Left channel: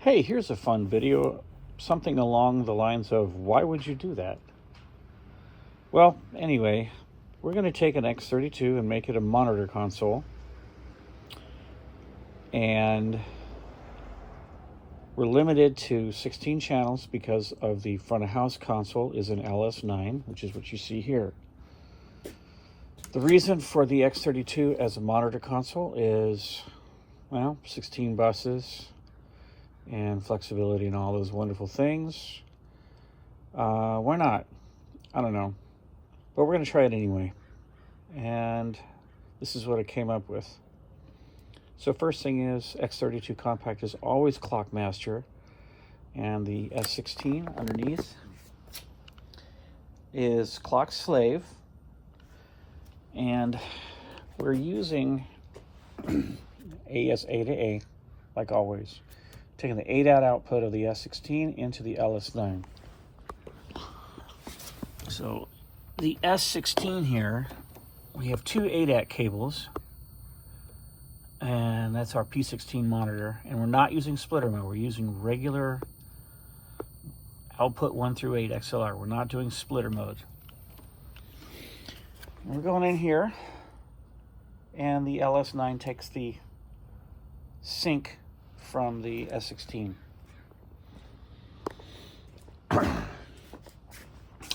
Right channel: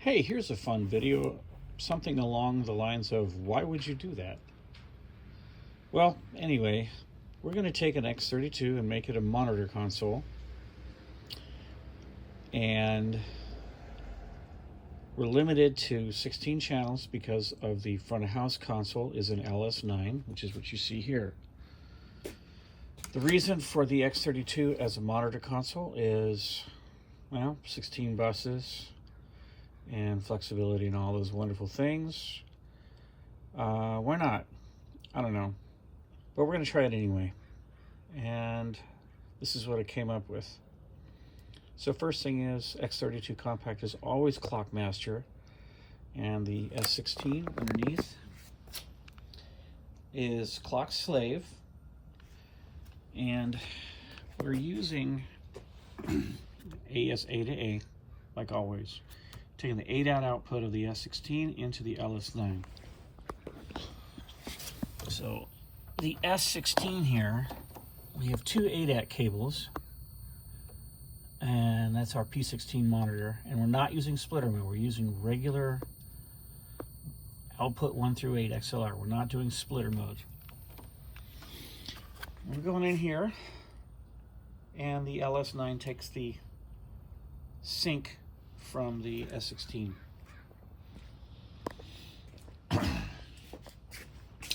Hey, here's a fun video, something along the lines of, why would you do that? Well, anyway, we're going to take an x32 and make it a monitor console. And we're limited to 16 channels because of the front of house console is an LS9, which is what you see here. The reason for the x32 as a monitor console is, well, 16 buses and flexibility and all those wonderful things. Why not? I don't know. But we're going to try it anyway. And this is what I came up with. So first thing is, x32 compact is always clock master, and the S16 underneath is clock slave. And we're using AS8A, like always, taking the ADAT output of the S16 into the LS9. So the S16 here, we have two ADAT cables, and that's our P16 monitor. And we're not using splitter mode, we're using regular output 1 through 8 XLR. We're not doing splitter mode. We're going in here, and the LS9 takes the sync from the S16.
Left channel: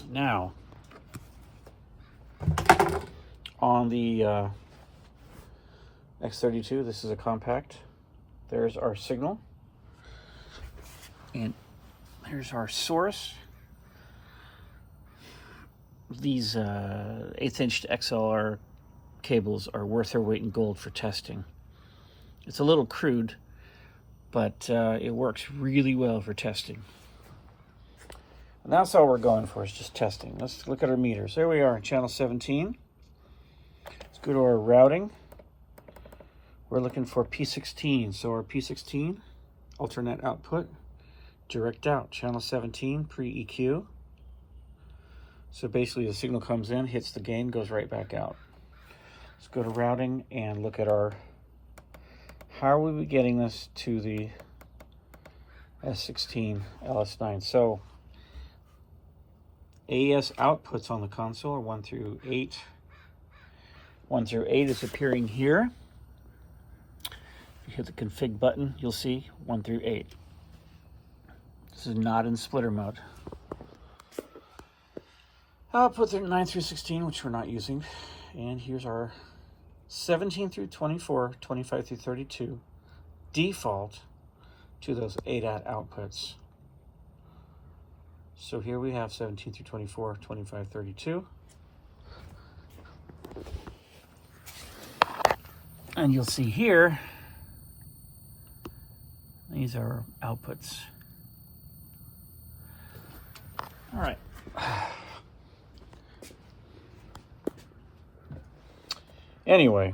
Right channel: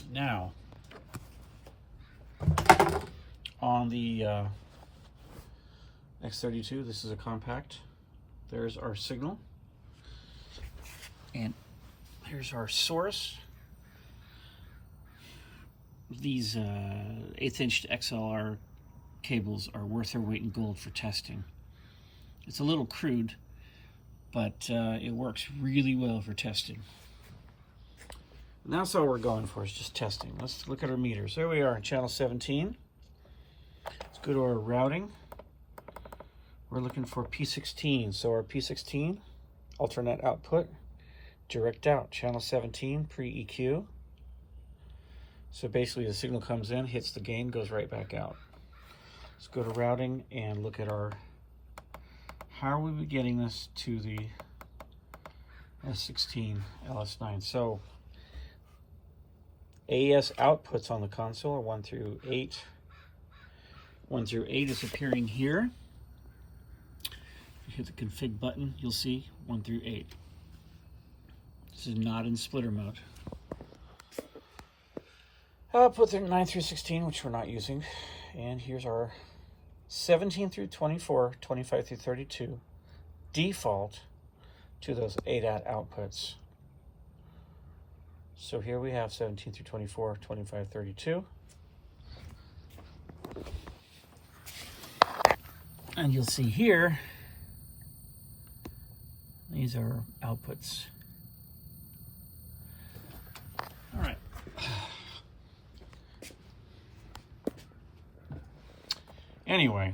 Now, on the x32, this is a compact. There's our signal, and here's our source. These 1/8 inch XLR cables are worth their weight in gold for testing. It's a little crude, but it works really well for testing. And that's all we're going for, is just testing. Let's look at our meters. There we are, channel 17. Let's go to our routing. We're looking for P16. So our P16, alternate output, direct out, channel 17, pre-EQ. So basically the signal comes in, hits the gain, goes right back out. Let's go to routing and look at our, how are we getting this to the S16 LS9? So AS outputs on the console are 1 through 8. 1 through 8 is appearing here. If you hit the config button, you'll see 1 through 8. This is not in splitter mode. Output 9 through 16, which we're not using. And here's our 17 through 24, 25 through 32, default to those ADAT outputs. So here we have 17 through 24, 25, 32. And you'll see here, these are outputs. All right. Anyway,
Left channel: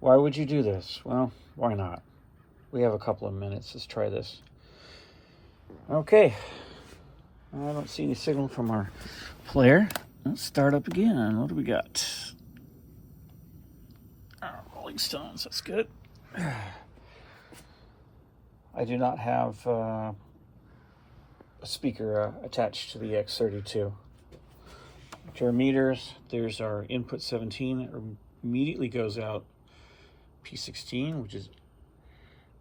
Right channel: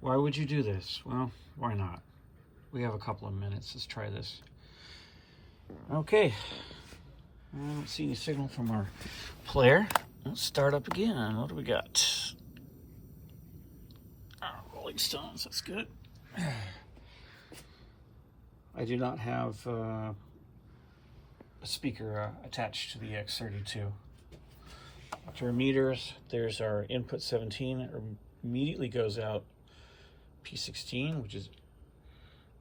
why would you do this? Well, why not? We have a couple of minutes. Let's try this. Okay. I don't see any signal from our player. Let's start up again. What do we got? Rolling Stones. That's good. I do not have a speaker attached to the x32. After our meters, there's our input 17, immediately goes out P16, which is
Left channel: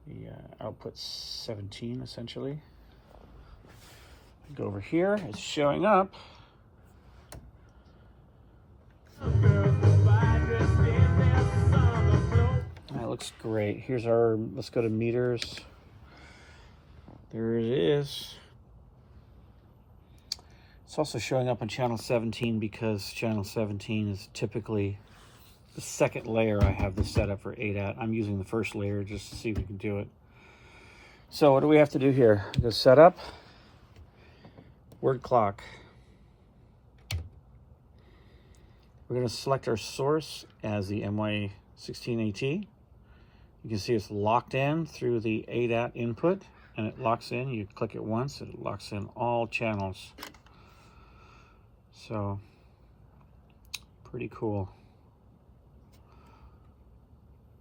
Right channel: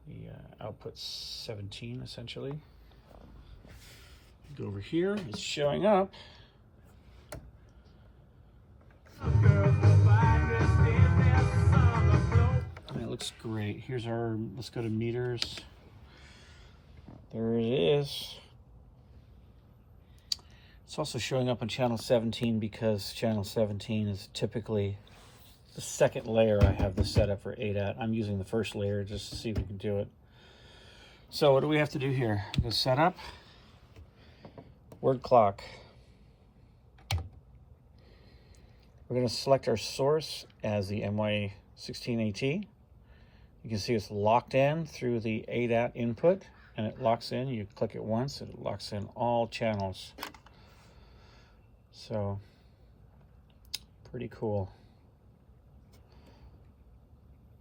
the output 17 essentially. Go over here, it's showing up. That looks great. Here's our, let's go to meters. There it is. It's also showing up on channel 17 because channel 17 is typically the second layer I have this set up for ADAT. I'm using the first layer just to see if we can do it. So what do we have to do here? Go setup, word clock. We're going to select our source as the MY16AT. You can see it's locked in through the ADAT input, and it locks in. You click it once, it locks in all channels. So, pretty cool.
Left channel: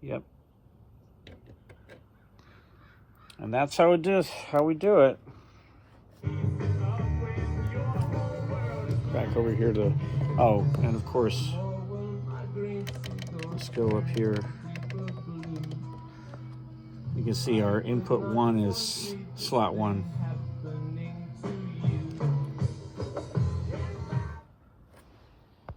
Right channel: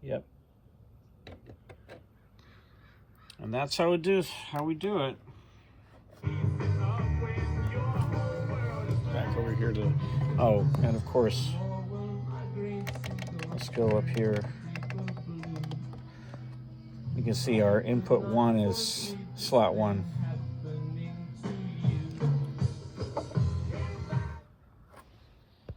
Yep. And that's how we do it. Back over here to, oh, and of course, let's go up here. You can see our input 1 is slot 1.